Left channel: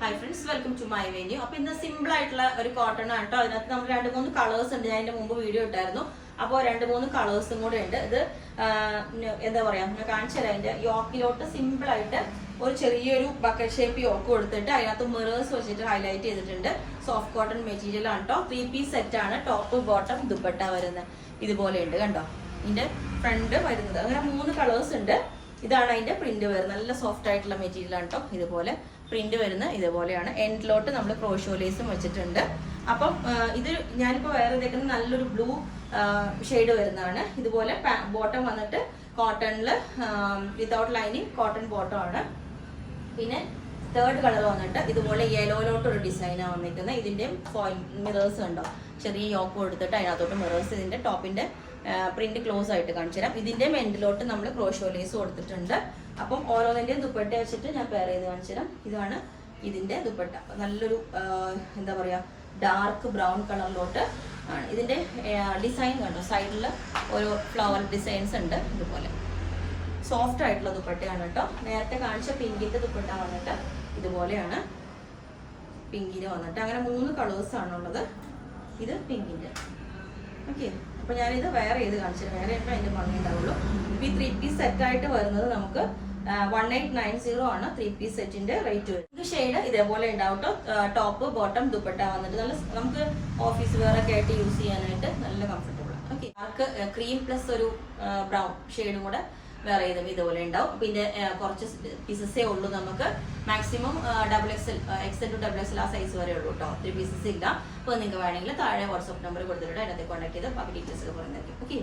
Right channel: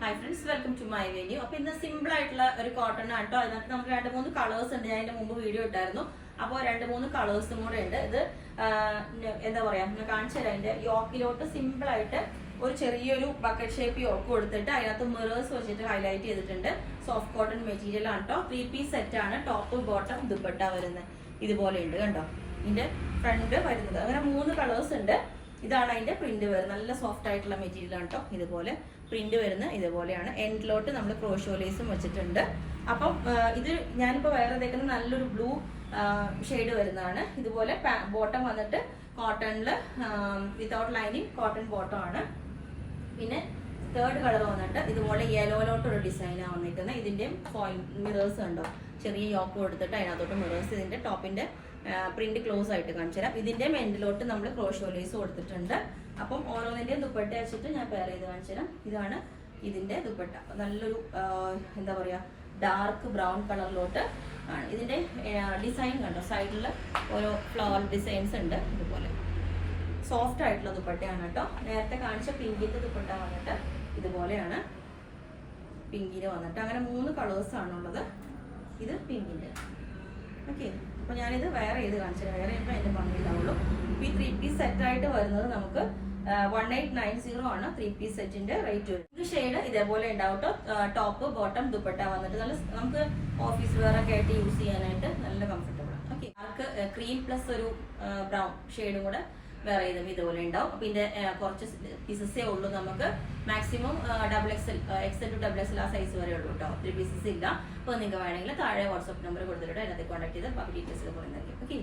Hi friends, welcome to my venue. അപ്പൊ ഇന്ന് simple ആയിട്ടുള്ള ഒരു കോട്ടൺ ആണ് കേട്ടോ. അതിനകത്ത് നമുക്ക് 2-3 കളേഴ്സ് ഉണ്ട്. ഞാൻ അതിന്റെ മുമ്പ് വീഡിയോ ഇട്ടായിരുന്നു. അപ്പോൾ 2-3 കളേഴ്സും കൂടെ ഉണ്ട്. ഇത് എന്താ പറയാ, ഞാൻ കാണിച്ചു തരാം. അതിന്റെ യോക്കിലോട്ട് സിമ്പിൾ ആയിട്ട് ഒരു ചെറിയൊരു ബക്കറ്റ് ഷേപ്പ് യോക്ക് കൊടുത്തിട്ട് അതിനകത്ത് മിറേഴ്സ് വെച്ചിട്ട് ഹൈലൈറ്റ് ചെയ്തിട്ടുണ്ട്. സോഫ്റ്റ് കോട്ടൺ മെറ്റീരിയൽ ആണ് കേട്ടോ. 3 പീസ് സെറ്റ് ആണ്. ടോപ്പ് ബോട്ടം ദുപ്പട്ട വരുന്നത് ഇതുപോലെ ഉണ്ട് കണ്ടോ. ഇതിന്റെ ഫ്രണ്ട് വരുന്നത് അങ്ങനെ 3 കളേഴ്സ് ഉണ്ട്. ഇതാണ് അതിന്റെ പ്രിന്റ് വരുന്നത്. നല്ല സോഫ്റ്റ് ആയിട്ടുള്ള മെറ്റീരിയൽ ആണ് കേട്ടോ. ഇതുപോലെ പ്രിന്റ് വരുന്ന ഇതുപോലെയാണ്. എൻഡിലോട്ട് നമ്മൾ ക്രോഷോ ലേസും വെച്ചിട്ടുണ്ട്. അപ്പം ഇത് ഞാനിപ്പോൾ വേറെ ഇതേക്കുന്നത് നല്ലൊരു ബ്ലൂ ഷെയ്ഡ് വരുന്നതാണ്. ഇതുപോലെ ബോട്ടം വന്നിട്ട് കോട്ടണിൽ വിതൗട്ട് ലൈനിങ് കോട്ടൺ ബോട്ടം ആണ്. പിന്നെ തേർഡ് കളർ വന്നിട്ട് ഇതുപോലെ യെലോയിലോട്ടൊരു ഡിസൈനാണ് വന്നിരിക്കുന്നത്. ഇതിൻ്റെ മിറേഴ്സ് ഉണ്ടോ, ചെറിയ യോക്ക് കൊടുത്തിട്ട് അതിനകത്തോട്ട് മിറേഴ്സ്. ഇതിൻ്റെ ടോപ്പിൻ്റെ പ്രിന്റ് ക്ലോസ് ആയിട്ട് കാണിച്ചു തരാം. ഇതിൻ്റെ എൻഡിലോട്ട് നമ്മൾ ക്രോഷോ ലേസ് കൊടുത്തിട്ടുണ്ട്. അപ്പം ഓരോന്നിൻ്റെയും ദുപ്പട്ട വെച്ചിട്ട് ഞാൻ പെയർ ചെയ്ത് കാണിച്ചു തരാം. ഇതാണ് ഇതിൻ്റെ ദുപ്പട്ട. നല്ലൊരു എന്താ പറയുക, ഡാർക്ക് ബ്രൗൺ കളറിലോട്ട് ആണ്. ഇതിൻ്റെ ഡിസൈൻ കണ്ടോ, സൈഡിൽ ഓരോ ഫ്ലവർ ഡിസൈൻസ് ഉണ്ട്. ഇതുപോലെ സോഫ്റ്റ് ആയിട്ടുള്ള ദുപ്പട്ടയാണ് കേട്ടോ. നേരത്തെ കാണിച്ച പിങ്കിൻ്റെ ദുപ്പട്ട വന്നിട്ട് ഇതുപോലെയാണ്. പിങ്കിന് വന്നിട്ട് അങ്ങനെ 3 കളേഴ്സാണുള്ളത്. ഇത് പിങ്കിൻ്റെ. ഓക്കെ, അപ്പോൾ ഞാനിത് വേറെ ചെയ്ത് കാണിച്ചു തരാം. വേറെ ചെയ്യുമ്പോൾ അതിൻ്റെ ഭംഗി ഉണ്ടാവുള്ളൂ. ഇപ്പോൾ ഈ 3 പീസ് സെറ്റായിട്ട് വരുന്നത് നമുക്ക് 1890 ആണ് 3 പീസ് സെറ്റിന്റെ റേറ്റ് വരും. ഇത് ഷെയ്ഡ് ഇതേപോലെ ഉണ്ടാവും കേട്ടോ. ടോപ്പ് ബോട്ടം ദുപ്പട്ട വന്നിട്ട് നല്ല നമുക്ക് ഓഫീസ് വെയർ ഒക്കെ ആയിട്ട് യൂസ് ചെയ്യാനായിട്ട് നല്ല കംഫർട്ടബിൾ ആണ്. ഓക്കെ, ഡാർക്ക് ക്രീം പ്ലസ് ഒരു ബ്രൗൺ ഷെയ്ഡും കൂടെ വേറെ ചെയ്തും ഇതുപോലെ ഉണ്ടാവും. അപ്പോൾ ഇതിന്റെ കുറച്ച് പീസസേ ഉള്ളൂ. നമുക്ക് മാക്സിമം XL to XXL ആ സൈസ് വരെ ഉള്ളൂ കേട്ടോ. 3 പീസസ് ഇല്ല. അപ്പോൾ നിങ്ങൾക്ക് വേണമെങ്കിൽ താഴെ വാട്സ്ആപ്പ് നമ്പർ കൊടുത്തിട്ട് അതിനകത്ത് കോൺടാക്ട് ചെയ്ത് ബാക്കി ഡീറ്റെയിൽസ് ഒക്കെ പറയുന്നതായിരിക്കും. ഓക്കെ.